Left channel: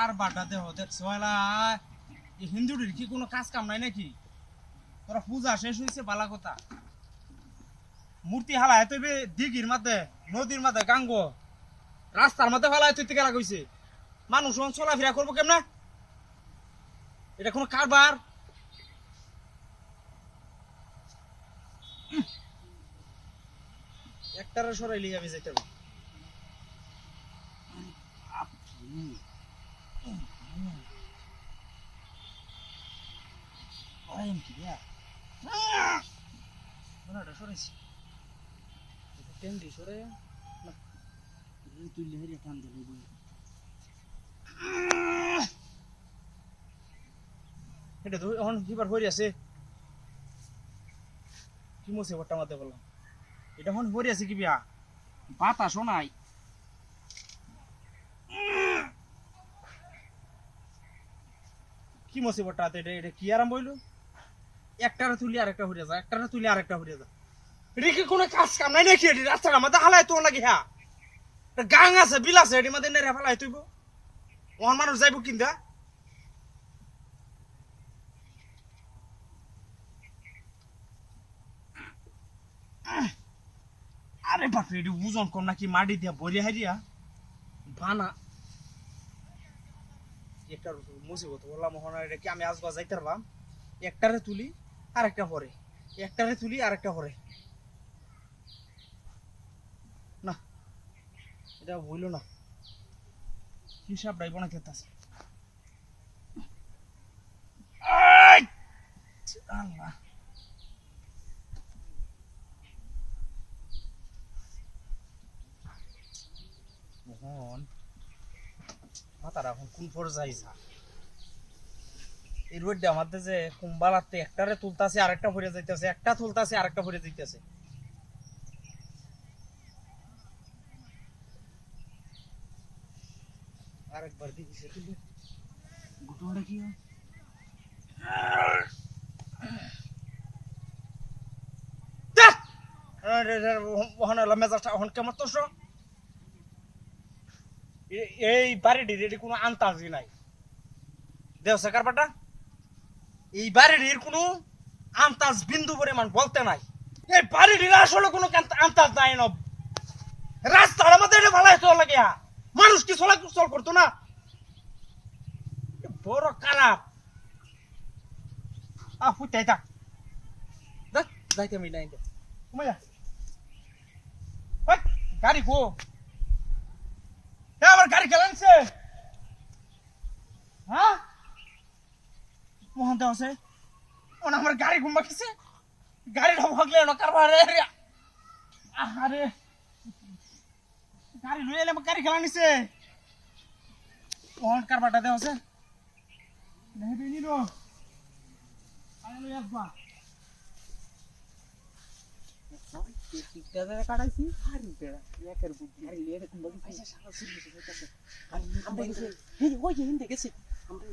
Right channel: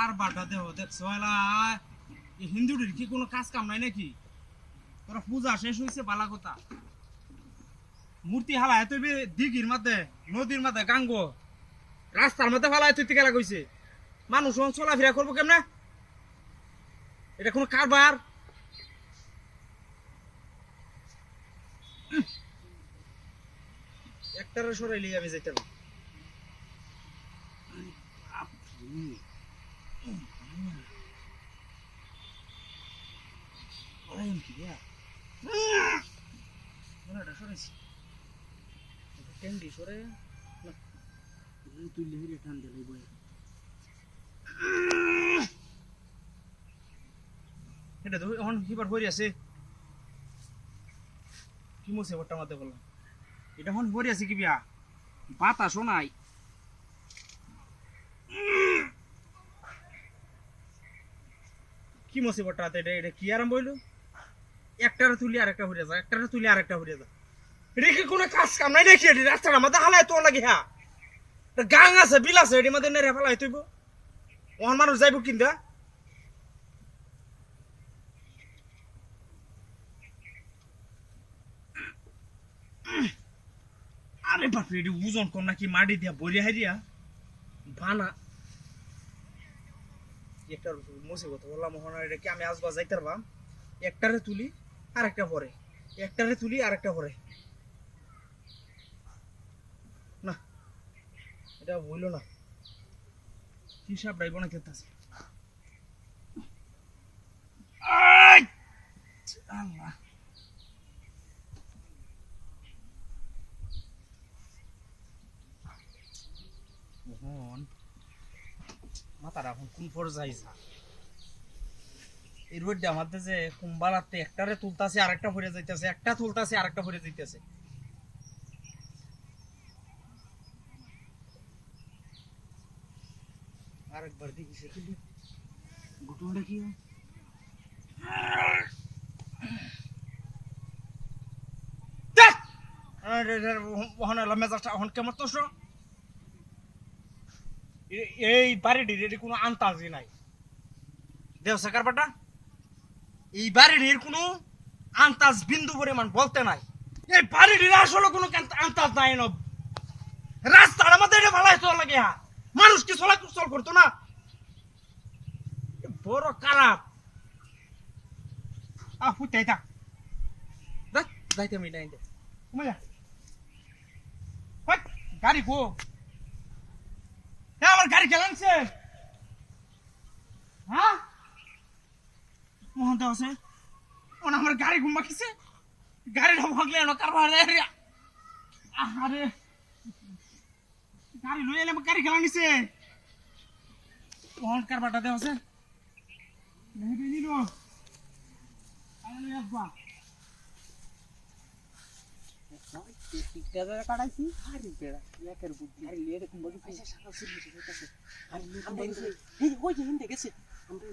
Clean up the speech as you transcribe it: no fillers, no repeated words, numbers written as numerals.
আর বাটা দেহ দেখছো হিন্দুদের কি কোনো কাজ কাম নাই নাকি? তোরা পূজা শেষ হয়েছে বালা কথা, মূর্তি হালায় তুই দিঘির মাঝে, নদীর মাঝে, গাঙ্গ রাস্তার মধ্যে ফালায় তুই গেলা কইছে। মানুষ চলাফেরা করবো কেমনে? এটা কোনো কারবার? একটারে সরাইলি আমি যেতে পারি। এটা তো এখন কিবার হরি আছে কি মসে বট্টা মাতে বললাম এটা এখন হরি আছে কি বিয়া বাতাসও নাই। কি মসে বট্টা এটা এটা কি আরাম বইলু? একটারে তুলি আর একটা হরিয়া যা, একটারে তুলি আর একটা হরিয়া যা। এটা কি কোনো কাজ কাম নাই নাকি? এটি রাস্তার মধ্যে হালায় তোর লাগে হ্যাঁ গাং আছে বিল আছে এটির মধ্যে নেড়ে ফেলাই তুইব ওর মানুষ যাইব কিনতে। আরে বাপরে এটি ওজন কম নাকি মাটি দিয়া বলিয়া হারিয়া বানা একটা মুসিবত বললাম মোহন এটা কি আমি আসবা যাইতে পারলাম? একটারে তুলি আর একটা পরে, একটারে তুলি আর একটা পরে না, এটা হইল না। হিসাব রাইব না খেতে আল্লাহ মোহন মাথার এখন কোন পর্যায়ে যা এই রোডটা আমাদের যে কুম্বালাতে একটারে তুলতাছে আরেকটা ভরে যাইতেছে, একটা তুলতাছে আরেকটা ভরে যাইতেছে। আরেকবার দেখি সে তুলি ঘটনাটা কি মেজাজটা এখন কেমন তো এই বাড়িটির কোনো আন্তাজি নাই দেও সেকারবাটা এই বাড়িটির কোনো আন্তাজ বিন্দু পরিমাণ বলতে নাই। এই বাড়িটির আসলে কোনো আন্তাজ নাই না। রাস্তার আমাদের এটা ভালো চল লাগে মানুষ কি চল করতো না বড় খারাপ ফুটাই থাক যাইতে আমি নাই গাড়ি গো আমার গাড়ি খেলানছে হ্যাঁ মোহন দেওয়া আছে আমার গাড়ি ঘুমা খেছে গাড়িটা ভাগলে না কারবার আরে গাড়ি লই এলে গাড়ি খেলা নিছে মোহন কারবারটা দেওয়া আছে নিল আসবা কাটাইছি হিন্দে গেছে আমরা